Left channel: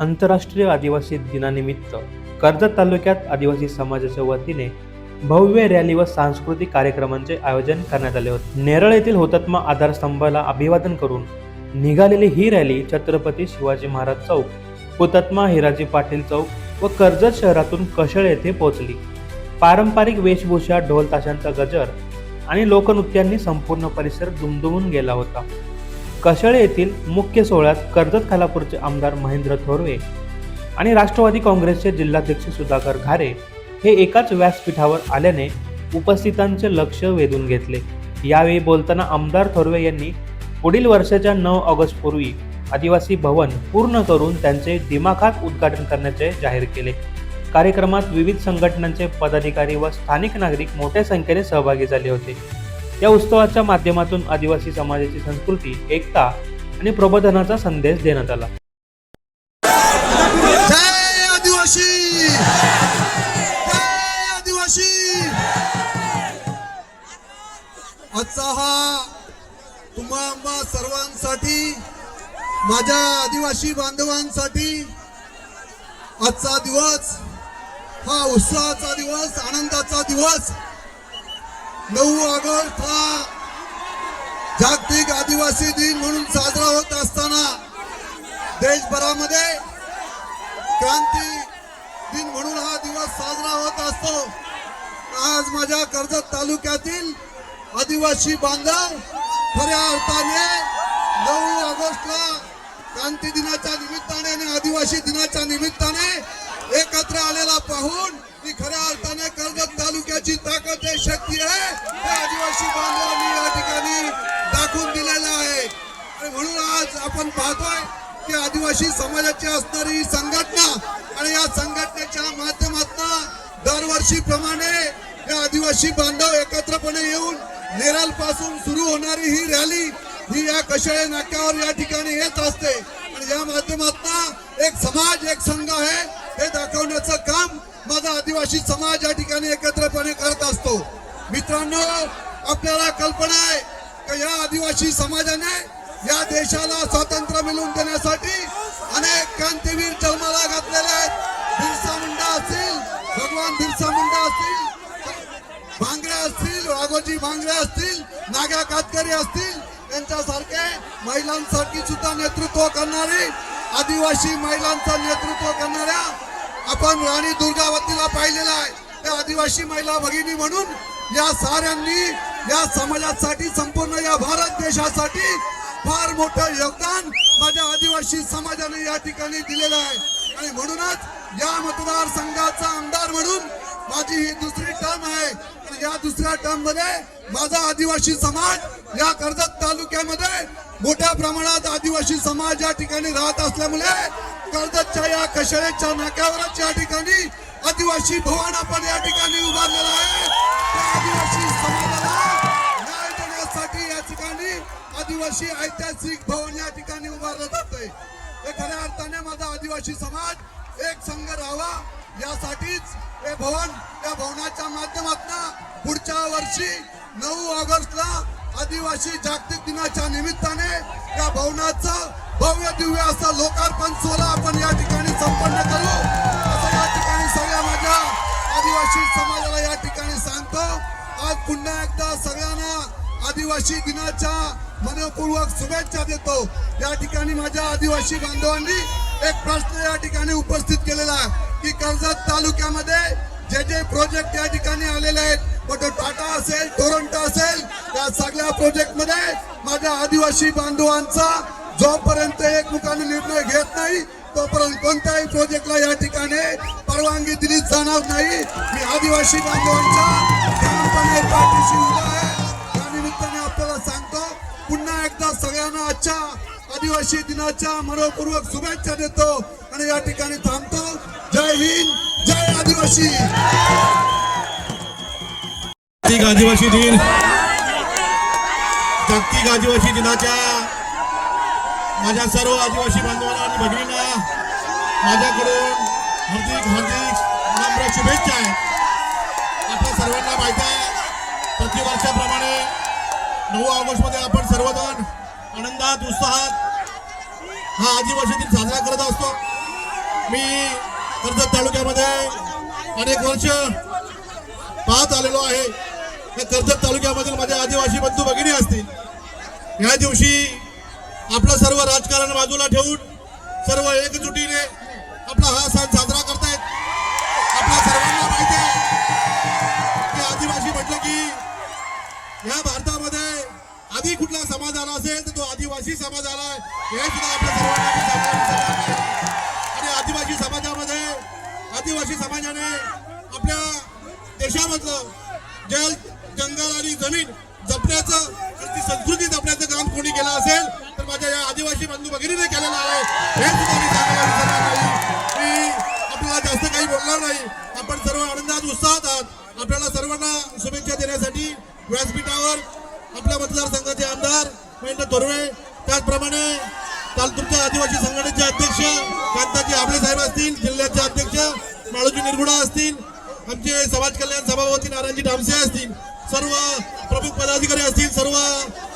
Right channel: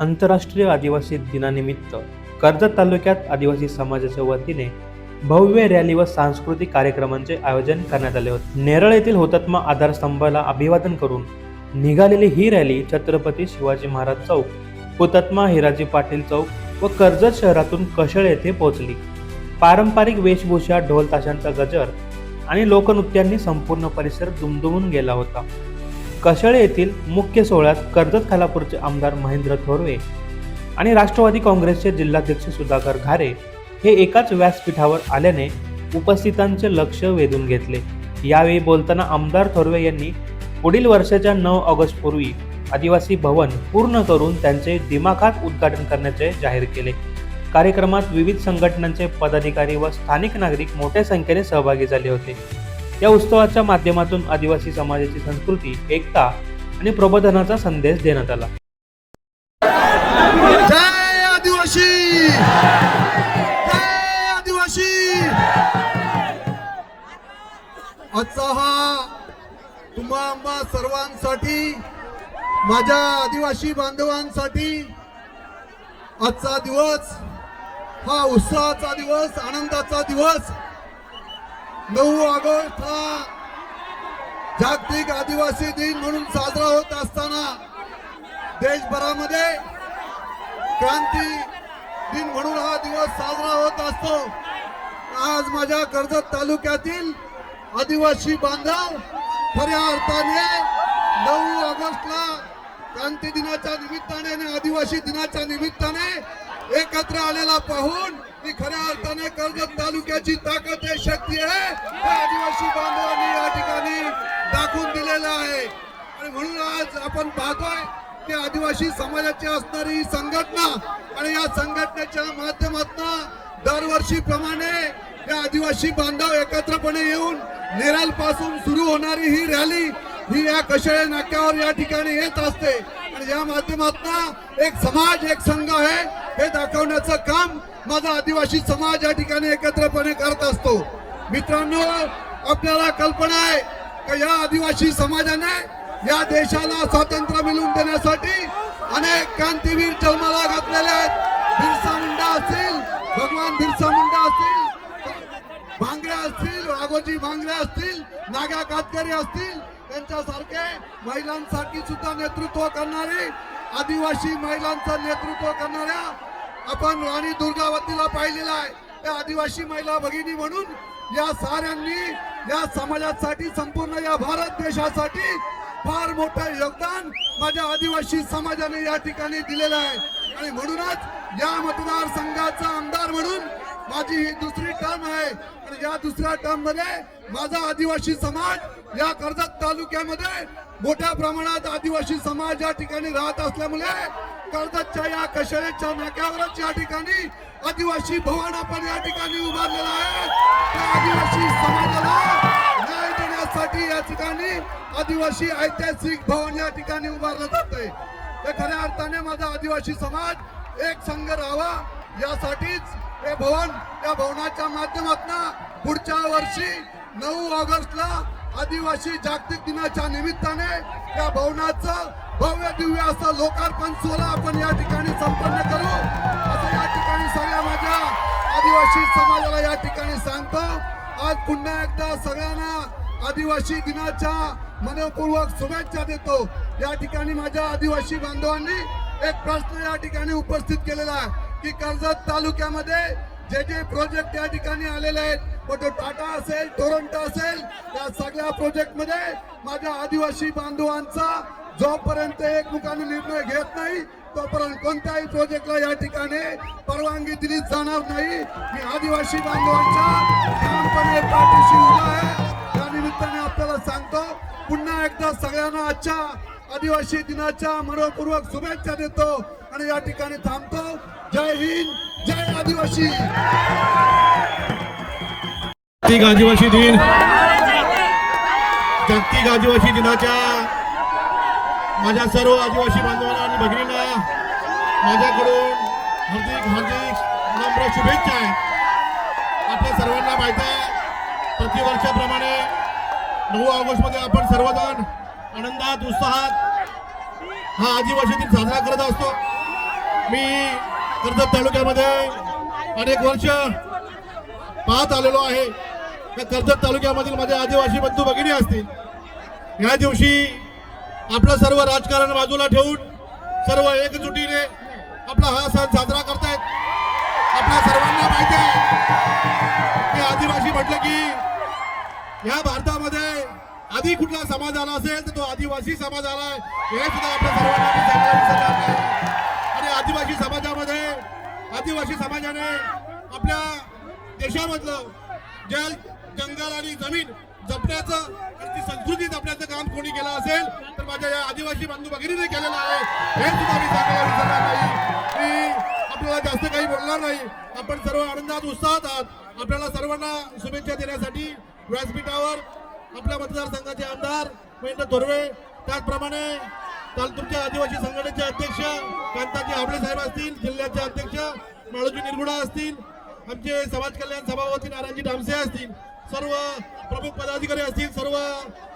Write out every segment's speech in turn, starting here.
आंतरराष्ट्रीय आदिवासी दिनानिमित्त कर्जत तालुक्यात आदिवासी समाजाच्या वतीने भव्य रॅली व सांस्कृतिक कार्यक्रमांचे आयोजन करण्यात आले होते. नेरळ येथील हुतात्मा आधारस्तंभाला अभिवादन करून निघालेली ही रॅली छत्रपती शिवाजी महाराज चौक, हुतात्मा हिराजी पाटील चौक व कर्जत शहरातून कशेळ येथे पोहोचली. पारंपरिक वेशभूषा, ढोल ताशांचा गजर आणि लोकनृत्यांनी संपूर्ण परिसर दुमदुमून गेला होता. कशेळ येथील मुख्य सोहळ्यात कर्जत खालापूरचे आमदार महेंद्र थोरवे आणि राष्ट्रवादी काँग्रेसचे जिल्हाध्यक्ष सुधाकर घारे हे एकाच व्यासपीठावर आल्याने उपस्थितांचे लक्ष वेधून घेतले. यावेळी बोलताना आमदार थोरवे यांनी पुढील वर्षाच्या 9 ऑगस्ट पूर्वी आदिवासी भवन पूर्ण करून त्यांचे दिमाखात उद्घाटन करण्याचे जाहीर केले. कार्यक्रमात विविध संघटनांचे पदाधिकारी व स्थानिक नागरिक मोठ्या संख्येने सहभागी झाले होते. या उत्सवाच्या माध्यमातून आदिवासी समाजाची संस्कृती, एकता आणि प्रबोधनाचा संदेश देण्यात आला. जय आदिवासी, जय आदिवासी. आजचा हा तुम्हा सर्वांसाठी, माझ्या आदिवासी बांधवांसाठी आजचा दिवस हा उत्सवाचा दिवस, आनंदाचा दिवस. 9 ऑगस्ट हा जागतिक आदिवासी दिन म्हणून साजरा होत असताना देशभरामध्ये क्रांती दिन म्हणून हा दिवस साजरा होत असतो. आज माझ्या कर्जत तालुक्यातील आदिवासी बांधव खऱ्या अर्थाने 9 ऑगस्टला क्रांती दिनाच्या निमित्ताने आणि आदिवासी दिनाच्या निमित्ताने एकत्र आलेला पाहून की खऱ्या अर्थाने कर्जत तालुक्याची ताकद आहे, शक्ती आहे, हे आदिवासी बांधवांनी या ठिकाणी दाखवून दिलेलं आहे. आणि म्हणून आज आपण पाहतोय की आदिवासी समाजाची असणारी संघटना आणि या संघटनेच्या माध्यमातून दरवर्षीप्रमाणे या आदिवासी बांधव एकत्रपणे येऊन नेरळ पासून सुरू होणारी ही रॅली ही या कशेळ नाक्यावर या ठिकाणी येत असते. आणि या माध्यमातून एक समाज, एक संघ आहे हे दाखवण्याचं काम माझा आदिवासी समाज या ठिकाणी एकत्रपणे करत असतो. मित्रांनो, आपल्याला कल्पना आहे की या आदिवासी समाजाने या देशाला स्वातंत्र्य मिळवून देण्यासाठी अनेक क्रांतीवीर जन्माला घातलेले आहेत. बिरसा मुंडा असतील, भगवान बिरसा मुंडा असतील, भांगरे असतील, राघोजी भांगरे असतील, नागा कातकरी असतील, त्यांच्यासारखे महिलांसाठी सुद्धा नेतृत्व करणारे, आदिवासी महिलांचं नेतृत्व करणाऱ्या आपण राणी दुर्गावतीला पाहिलेला आहे. त्या आदिवासी महिला भगिनी म्हणून या साऱ्यांनी या समाजासाठी, संपूर्ण या भारत देशासाठी फार मोठं योगदान माझ्या आदिवासी समाजाने या ठिकाणी दिलेलं आहे. आणि म्हणूनच या मतदारसंघाचा आमदार म्हणून माझी ही दुसरी टर्म आहे. आणि या दुसऱ्या टर्म मध्ये माझा आदिवासी समाज या कर्जत तालुक्यामध्ये मोठ्या प्रमाणात आदिवासी समाज या ठिकाणी राहत असल्यामुळे कर्जतच्या या कशेळेच्या नाक्यावरच या ठिकाणी आदिवासी भवन आपण या ठिकाणी उभारलेला आहे. आदिवासी समाजाला न्याय देण्यासाठी या ठिकाणी आदिवासी ऐतिहासिक भवन या ठिकाणी उभारलं जाते. हे खऱ्या अर्थाने माझा आदिवासी समाज एक संघ राहावा यासाठीच हे भवन, या भवनाच्या माध्यमातून पुढच्या वर्षी 9 ऑगस्टला आदिवासी जागतिक दिनाच्या निमित्ताने या भवनाचं भव्य दिव्य असं लोकार्पण सोहळा आपण या ठिकाणी संपन्न करू असं या ठिकाणी सगळ्या माझ्या आदिवासी समाजाला या ठिकाणी सांगतो. आज पुन्हा एकदा सगळ्यांना आदिवासी दिनाच्या मनपूर्वक शुभेच्छा देतो. या ठिकाणी माझ्या आदिवासी बांधवांनी एक प्रश्न या ठिकाणी उपस्थित केलेला आहे की कर्जत तालुक्यामध्ये जे प्रोजेक्ट या ठिकाणी आलेले आहेत, मग तो टाटा असेल, टोरंटो असेल, या सगळ्या प्रोजेक्ट मध्ये माझ्या आदिवासी बांधवांचा जोपर्यंत एकमुखाने निर्णय घेत नाही तोपर्यंत कोणत्याही प्रोजेक्टला या ठिकाणी परवानगी दिली जाणार नाही. मी आदिवासी बांधवांच्या ठामपणे पाठीशी उभा आहे. त्या निमित्ताने आपल्याला सांगतो, पुन्हा एकदा सगळ्यांना आजच्या आदिवासी दिनाच्या मनपूर्वक शुभेच्छा देतो आणि या ठिकाणी थांबतो. जय हिंद, जय आदिवासी. जागतिक आदिवासी दिन, जागतिक आदिवासी दिनाच्या माझ्या सर्व आदिवासी बांधवांना आणि भगिनींना माझ्याकडून हार्दिक नम्र शुभेच्छा आहेत. आपल्या सर्वांना माहिती आहे, प्रतिवर्षाप्रमाणे 9 ऑगस्टमध्ये आपण सर्वजण आनंदात उत्साहात हा आदिवासी दिन साजरा करत असतो. मी कर्जत तालुक्यामध्ये अनेक वर्ष पाहत आलेलो आहे. या कर्जत तालुक्यामधील माझे आदिवासी बंधू भगिनी असतील. या दिवशी आपलं सर्व राजकारण बाजूला ठेवून सर्व एकजुटीने आपला हा सण साजरा करतायत. आपल्या सर्वांना माहिती आहे की आदिवासी म्हटलं की या भारतामध्ये आधी कुठला समाज आला असेल तर तो आदिवासी समाज आलाय, हे सुद्धा आपल्या सर्वांना आणि आदिवासी समाजाने आपल्या देशामधलं जल, जंगल आणि जमीन जपण्याचं आणि ती संस्कृती जपण्याचं काम कोणी केलं असेल तर माझ्या या आदिवासी बंधू भगिनीने केलेलं आहे. हे सुद्धा मी सांगायला विसरणार नाही. मी आपल्याला जास्त काही बोलणार नाही. आपण सर्व आनंदात उत्साहात आहात. आपल्याला सर्वांना शुभेच्छा देण्यासाठी व्यासपीठावर आपल्या मतदारसंघाचे आमदार महेंद्र थोरवे, त्याचप्रमाणे तालुक्याच्या आदिवासी संघटनेचे अध्यक्ष कांताजी आबळे साहेब असतील, जिल्ह्याचे अध्यक्ष माळोजी निरगुडा असतील, आमचे समाज कल्याण सभापती नारायणजी डामसे असतील, सर्व प्रमुख पदाधिकारी असतील,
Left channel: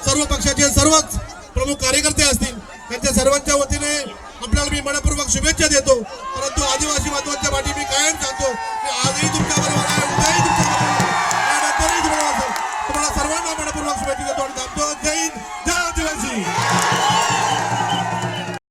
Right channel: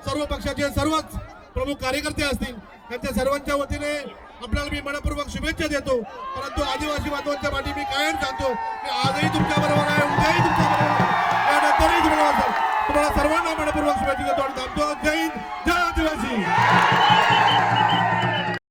सर्व पक्षाचे सर्वच प्रमुख कार्यकर्ते असतील, त्यांच्या सर्वांच्या वतीने आपल्याला मी मनपूर्वक शुभेच्छा देतो. परंतु आदिवासी बांधवांच्या पाठी मी कायम सांगतो की आजही तुमच्या बरोबर आहे.